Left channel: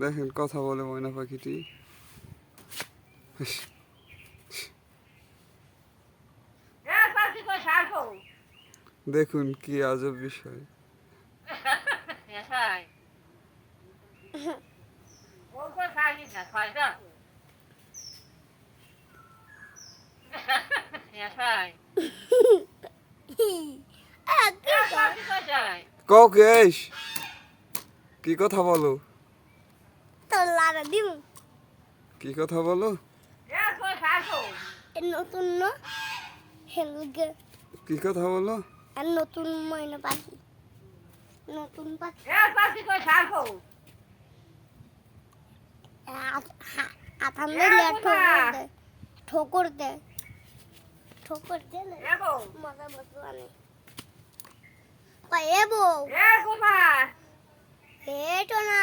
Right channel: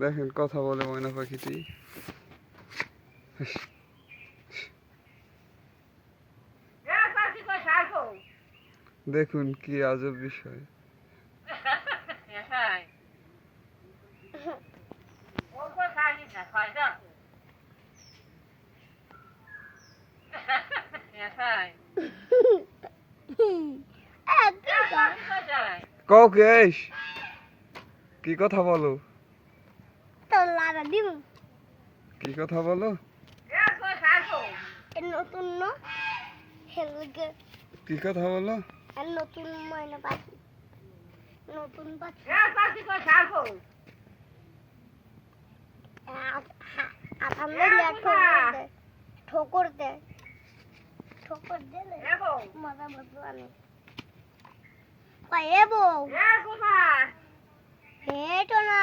দেখেন কথা বলে ময়না পাখিটি। দেখুন কি আজব বিষয়। কও কেশ কি কথা বলো? তোর লাড়া দিব কি কথা বলো? নতুন ন? কি কথা বলো? নতুন ময়না পাখি। নতুন পাখি। দিলে ঠোকর দে ঠোকর দে ঠোকর মজা মজা কয় এ বউ। হেটো না।